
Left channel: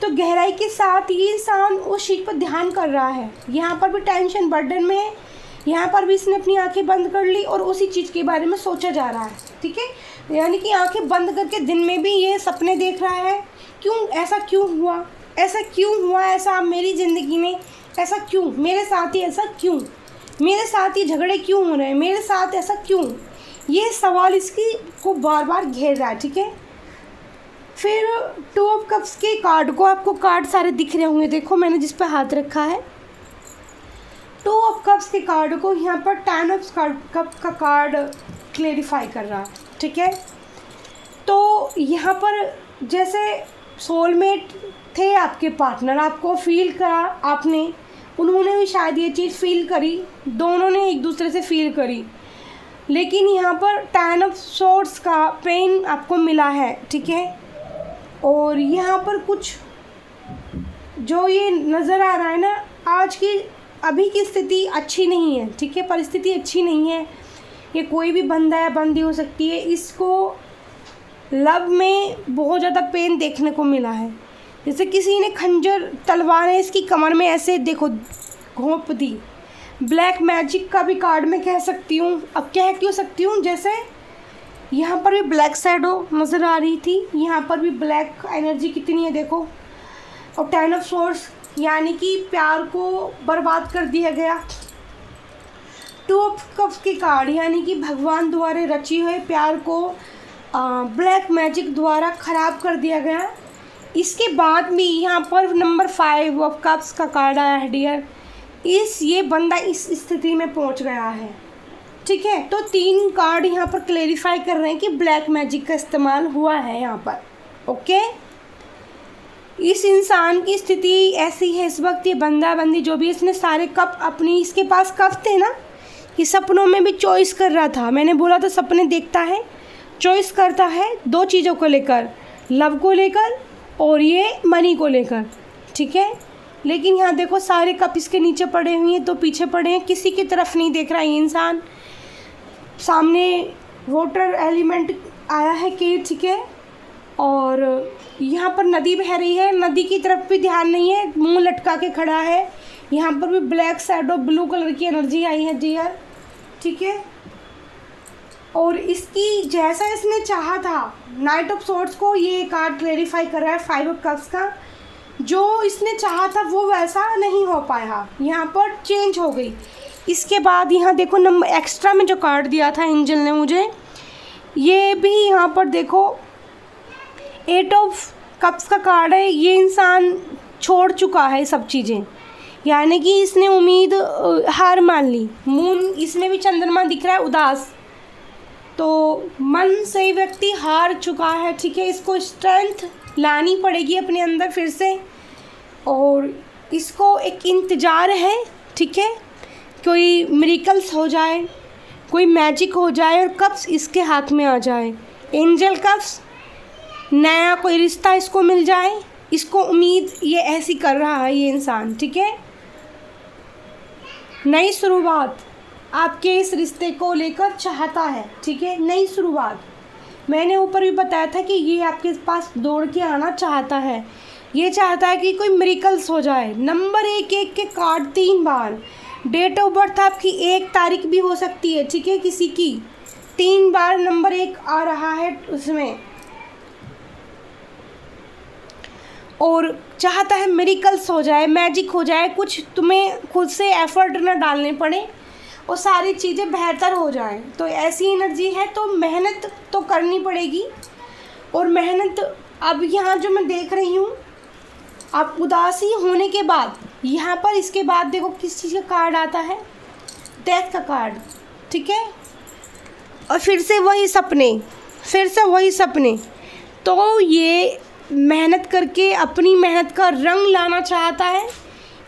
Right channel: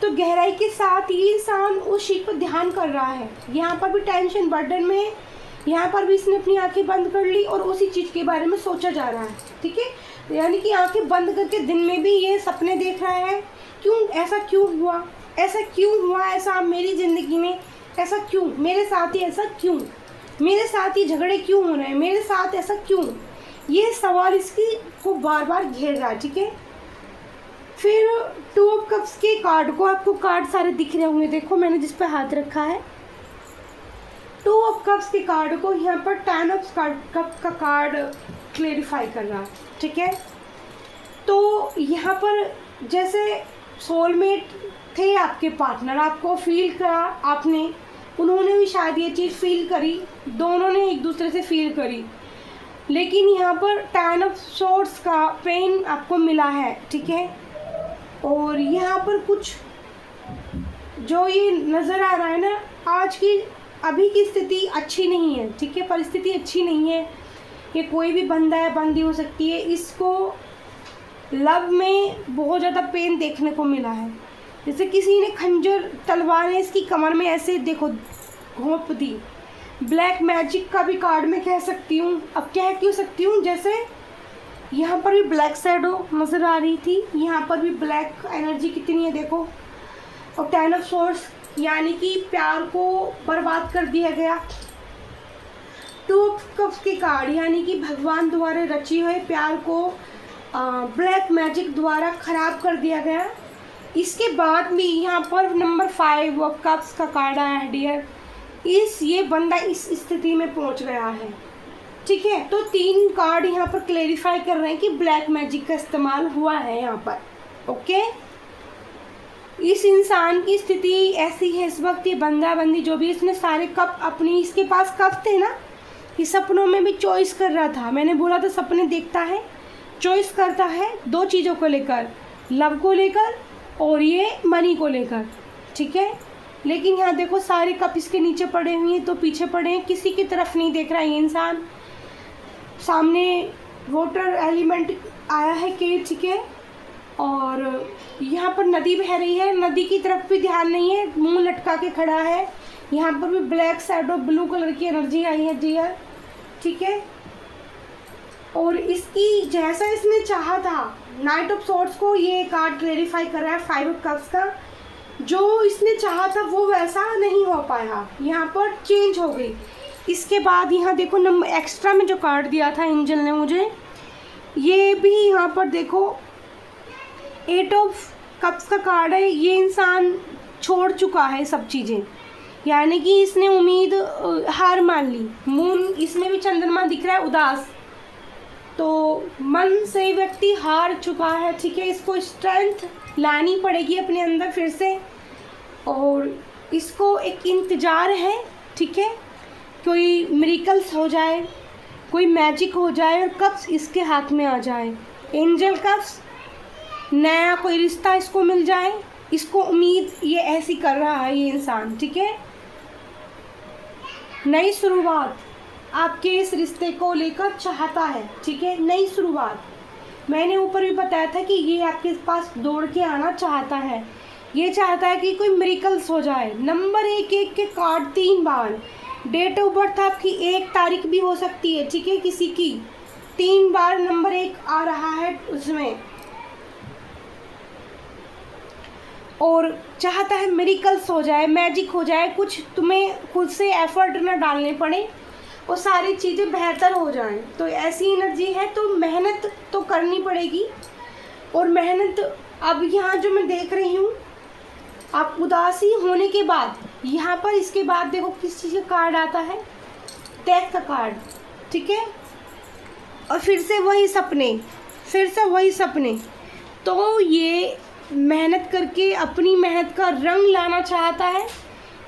तो गहराई के साथ ये इंसान उस चीज़ पर ध्यान कर रहा है। यहाँ पर भी टेंशन बर्डन में है, यहाँ पर भी इसने अपनी आंखें बंद कर ली और उसी चीज़ के बारे में सोचा जा रहा है, ठीक है। यानी कि आंखें बंद करके दिन में भी ये सपने देख रहा है, क्यों ऐसा क्यों हुआ, ऐसा क्यों हुआ, ऐसा मेरी ज़िंदगी में ऐसा क्यों, मेरे साथ ही ऐसा क्यों, मेरे साथ ही झगड़े क्यों हो रहे हैं, मेरे साथ ऐसा क्यों, ये सवाल इसकी को बार बार घेर रहा है, ठीक है। फिर टू ऑफ कप्स के कार्ड को, आपको कार्ड सारे दिख रहे होंगे, देखो मैंने जिस पर हाथ रखा है, टू ऑफ कप्स के कार्ड को यहाँ पर 10 ऑफ कप का कार्ड क्लेरिफाई कर रहा, ठीक है। तो यहाँ पर जैसे सोलमेट थे आपके पार्टनर, आपको फील करा आपने, उन्होंने भी शायद ये चीज़ फील करी, दोनों ने एक दूसरे से फील करी, लेकिन यहाँ पर 10 ऑफ सोर्ड्स का पेन आपको मिला है, ठीक है। और यहाँ पर कुछ जो ये नज़र आ रहा है ना, आज की अभी की स्थिति अच्छी नहीं है, ठीक है, परिस्थिति अच्छी नहीं है। ये कोई भी बंदा या बंदी हो सकती है, इसको लव में बहुत ज़्यादा पेन देखने को मिला है, जैसे किसी ने खंजर तलवार है इसकी कमर में ऐसे देखो घोंप दी। ब्लैक मैजिक का भी कार्ड मैं कह सकती हूँ, अब कह क्यों सकती हूँ, जैसे यहाँ पर भी ब्लैक शैडो नज़र आ रही थी, यहाँ पर भी ब्लैक एनर्जी कितनी है देखो, और 10 ऑफ सोर्स, यानी कि प्यार को बर्बाद कर दिया गया। 2 ऑफ कप्स के कार्ड, यानी कि भगवान द्वारा रची हुए प्यार को ब्लैक मैजिक द्वारा ख़राब कर दिया गया। इसके बाद में यहाँ पर नंबर 5 ऑफ कप्स का कार्ड आया है डियर, ये बंदा इस स्थिति में पहुँच गया है, ठीक है। तो 3 कार्ड यहाँ पर क्लेरिफाई कर रहे हैं कि ब्लैक मैजिक का इस्तेमाल हुआ है यहाँ पर, ओके। इस इंसान की स्थिति ऐसी है इस वक्त, ये बंदा बंदी जो भी, इसने सारे कप अपनी, इसके पास कप थे ना, कि सपनों में भी चॉइस कर रहा था, मैंने बोला था सपने देखता है, चॉइस करता है 2 चीज़ों को लेकर, लव को लेकर और ये मनी को लेकर, ठीक है। लेकिन यहाँ देखो सारे कप इसके नीचे पड़े हुए हैं, तो पीछे पड़े हैं, किसी की तरफ नहीं देख रहा है ये इंसान। सामने वाटर एलिमेंट आया है कि, ठीक है, और यहाँ पर नदी बह रही है, नदी की तरफ भी ध्यान नहीं है, मुंह लटका के खड़ा है। यहाँ पर भी ब्लैक शैडो ब्लू कलर की एनर्जी आई है डियर, ठीक है। और इसकी जैसा इसने चाहा था, नाइट ऑफ सोर्ड्स को ये कार्ड क्लेरिफाई कर रहा है 5 ऑफ कप्स का, जो इसने चाहा था वो वैसा नहीं हो पाया, यहाँ पर चेंज हो गई। इसके बाद यहाँ देखो नंबर एक्स्ट्रा में जो कार्ड दिया था एंजल ने मुझे, ये भी यहाँ पर देखो 8 ऑफ कप्स का कार्ड है। ये इंसान छोड़ चुका है सब चीज़ें, यानी कि इसने उम्मीद हार मान ली। मून इसमें भी चंद्रमा दिख रहा है उदास, तो मन से व्यक्ति हार चुका है, ठीक है। इसको स्ट्रेंथ लानी पड़ेगी अपने अंदर फिर से, और इसको एक इंतज़ार है, ठीक है, कोई मिरेकल्स हो जाए, कोई मैजिक हो जाए और कप्स इसके हाथ में आ जाए। एंजल कप्स, नया कोई रिश्ता इसको मिल जाए, इसको उम्मीद ये ऐसी कर रहा है ये इंसान, ठीक है। नई शुरुआत आपके इस रिश्ते को लेकर चाहता है, ठीक है, नई शुरुआत। मैंने ऊपर भी बताया था कि ये आपके पास दौड़ के आना चाहता है, ये चाहता है कि कोई मिरेकल्स हो जाए। नंबर 1 के कार्ड 3 बार, डेट ऑफ बर्थ आपकी 1 तारीख भी हो सकती है, ठीक है, किसी की 3 बार नंबर 1 आ रहा है उसमें, और चाहता है मिरेकल्स हो जाए, मैजिक हो जाए, कुछ तुम्हें खुद से एफर्ट ना डालने पड़े और सारी चीज़ें बेहतर हो जाएं। तो ऐसी एनर्जी है, तो मेहनत तो करनी पड़ेगी। और मेहनत अब यहाँ जो मैं देख रही हूँ, आप उदासी होने के बाद यहाँ पर इसके बाद देखो किस चीज़ का कार्ड आता है, डेथ का कार्ड, ठीक है। और फिर से वही सपने, फिर से वही सपने। तो ये मेहनत करके अपनी मेहनत का रंग लाना चाहता है,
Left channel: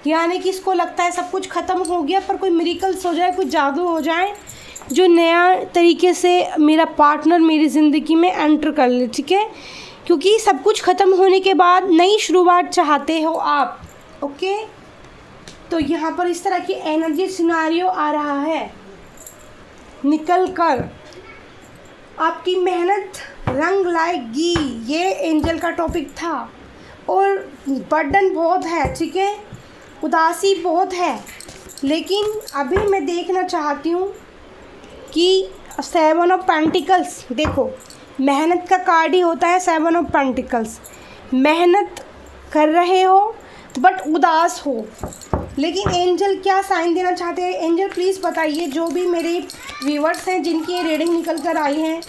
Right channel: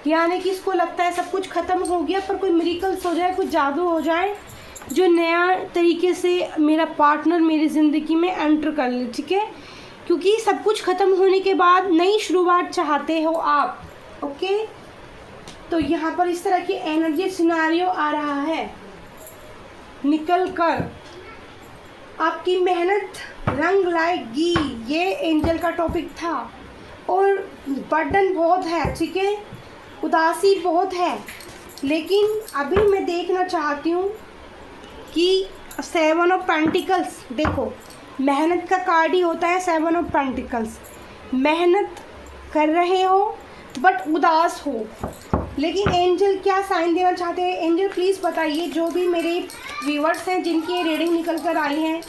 यानी कि इसको लगता है सब कुछ ख़त्म हो गया, पर कोई मिरेकल्स हो जाए, कोई जादू हो जाए जो नया तरीके से मेरा पार्टनर मेरी ज़िंदगी में एंटर कर ले, ठीक है। क्योंकि सब कुछ ख़त्म होने के बाद नई शुरुआत चाहते हो आप, ओके। तो यहाँ पर इस तरह की एनर्जी सिनारियो आ रहा है निकल कर, आपकी मेहनत रंग लाएगी, ये एंजल का टॉपिक था। और बर्डन बहुत है, ठीक है, उदासी बहुत है, लेकिन अभी मैं देखना चाहती हूँ कि 7 ऑफ पेंटिकल्स, देखो मेहनत का कार्ड ही होता है 7 ऑफ पेंटिकल्स। मेहनत कर रहे हो बट उदास हो, लेकिन एंजल क्या साइन देना चाहते हैं? एंजल प्लीज़ बताइए, जो भी मेरे व्यूअर्स हैं जिनकी रेडिंग निकल कर आई है,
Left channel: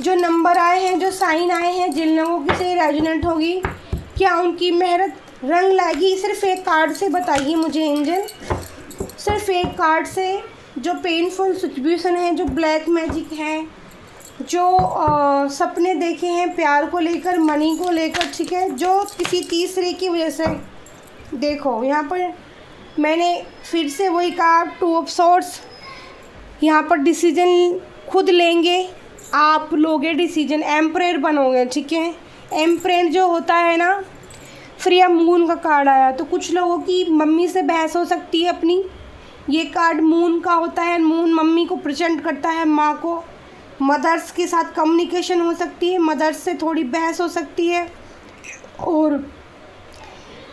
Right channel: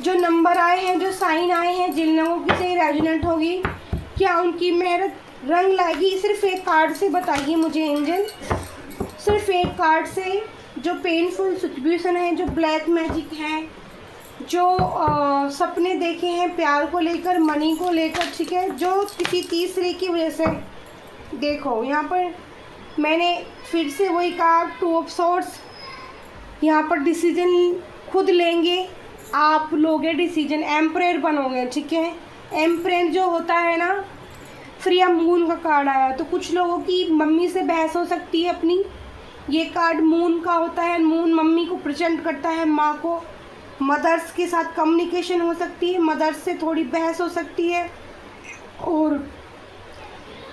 जो नंबर आए हैं, जो साइन आए हैं, जिन लोगों की से रेजोनेट होगी, क्या उनकी मेहनत रंग लाएगी? सिर्फ एक कार्ड से बताइए मुझे एंजल, सिर्फ एक कार्ड से। जो पेनफुल सिचुएशन है, जो ब्लैक मैजिक है, जो सपने देखे हैं प्यार को लेकर, मनी को लेकर, ठीक है, जो किसी तीसरे की वजह से, देखो यहाँ पर मैंने फिर से वही कहा 2 ऑफ सॉर्ड्स। यहाँ पर डिसीजन खुद लेंगे, आप लोगे डिसीजन, एम्परर बनोगे, ठीक है। एम्परर जो होता है ना, फ्री ऑफ मून का कार्ड आया, तो कुछ लोगों की मम्मी से बहस हो सकती है अपनी, ये कार्ड मून का होता है, मून मम्मी को प्रेजेंट करता है, माँ को। मदर्स के साथ कम्युनिकेशन हो सकती है, मदर्स से थोड़ी बहस हो सकती है, और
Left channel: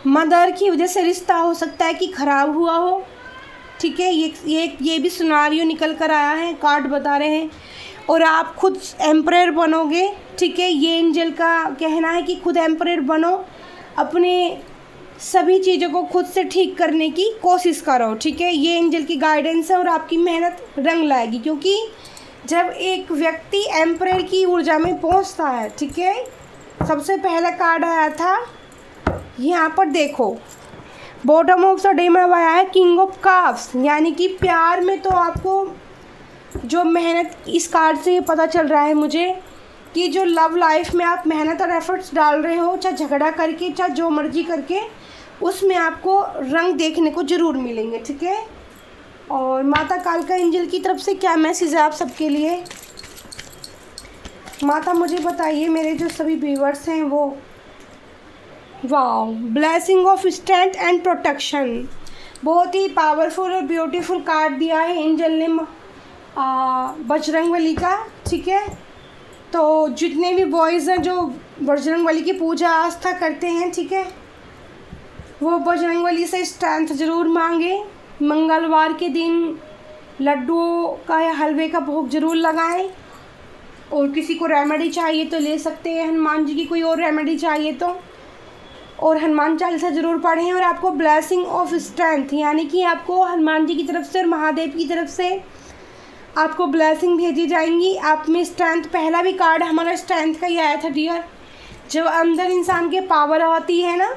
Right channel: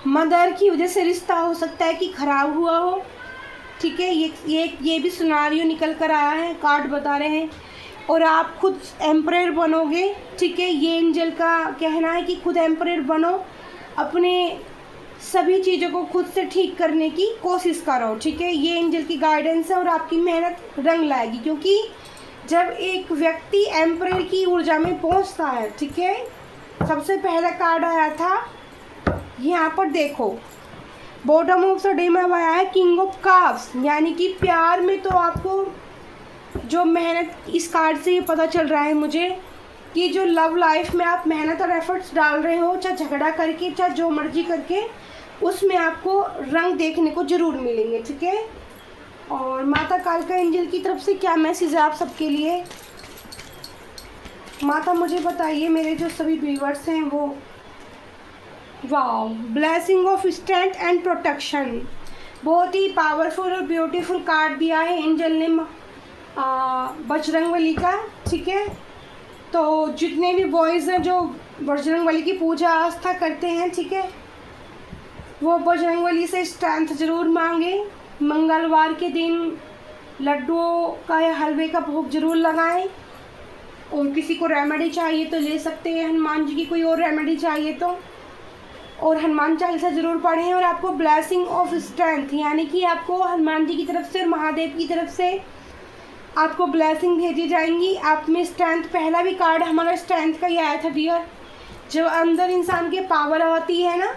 मदर की वजह से रिश्ता हो सकता है कि ख़राब हुआ हो, ठीक है। ये भी सिनेरियो निकल कर आया है, कार्ड बता रहे हैं। और आप खुद एम्परर बनोगे, ठीक है, ये एंजल का कहना है कि खुद एम्परर बनो, अपने सभी चीज़ों को खुद से ठीक करने की कोशिश करो, ठीक है। ये एंजल की गाइडेंस है और आपकी मेहनत रंग लाएगी, क्योंकि जब एक व्यक्ति एम्परर की ऊर्जा में पहुंचता है, ठीक है। सबसे पहला कार्ड आया था यहाँ पर, देखो बॉटम ऑफ द डे में आया है किंग ऑफ कप्स, यानी कि प्यार में तो आपको जो मेहनत, इस कार्ड से ये पता चल रहा है मुझे कि जो लव लाइफ में आप मेहनत और एफर्ट्स डाल रहे हो, चाहे झगड़ा करके, चाहे जो मर्जी करके, उसमें आपको रंग देखने को ज़रूर मिलेंगे, ठीक है। और माता कालका एंजल की तरफ से क्या मैसेज है आप सबके लिए? माता मुझे बताइए, मेरे जो सभी व्यूअर्स हैं वो, wow, blessing of strength and protection, बहुत ही पावरफुल और ब्यूटीफुल कार्ड दिया है एंजल ने बजरंगबली का, ठीक है। तो जितने भी बॉयज़ हैं जो बजरंगबली की पूजा आस्था करते हैं, ठीक है, वो बजरंगबली से स्ट्रेंथ ज़रूर मांगे। मंगलवार के दिन लड्डुओं का या हलवे का भोग ज़रूर लगाएं, और किसी को रेमेडी चाहिए तो ले सकते हैं, हनुमान जी की कोई और रेमेडी चाहिए तो। और हनुमान चालीसा ज़रूर पढ़ें। और आपको ब्लेसिंग ऑफ स्ट्रेंथ, यानी कि आपको हनुमान जी की तरफ से और महादेव की तरफ से आपको ब्लेसिंग भेजी जाएंगी। आप में स्ट्रेंथ, पहला भी कार्ड हमारा स्ट्रेंथ का ही आया था डियर। जब अंदर इंसान के पावर आती है ना,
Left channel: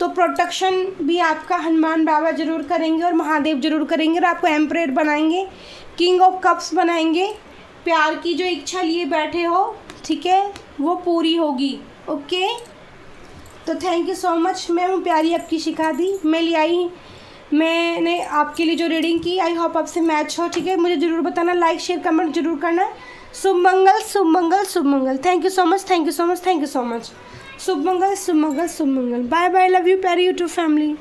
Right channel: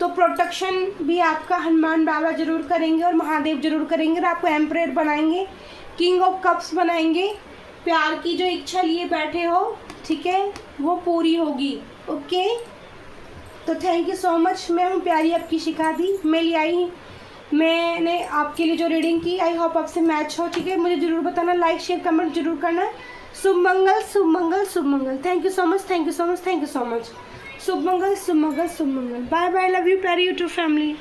तो प्रोटेक्शन भी आपका हनुमान बाबा जरूर करेंगे और महादेव जरूर करेंगे और आपको एम्परेट बनाएंगे, किंग ऑफ कप्स बनाएंगे। प्यार की जो इच्छा लिए बैठे हो, ठीक है, वो पूरी होगी। ओके, तो थैंक यू सो मच। मैं हूँ प्यारी आपकी शिखा दी। मैंने आपके लिए जो रीडिंग की, आई होप आपसे मैच हो। ठीक है, मुझे ज़रूर बताना, लाइक शेयर कमेंट जरूर करना। शुभ मंगल, शुभ मंगल, शुभ मंगल। Thank you so much, thank you so much, thank you so much. शुभ मंगल, शुभ मंगल, शुभ मंगल। बाय बाय, लव यू प्यारी यूट्यूब फैमिली।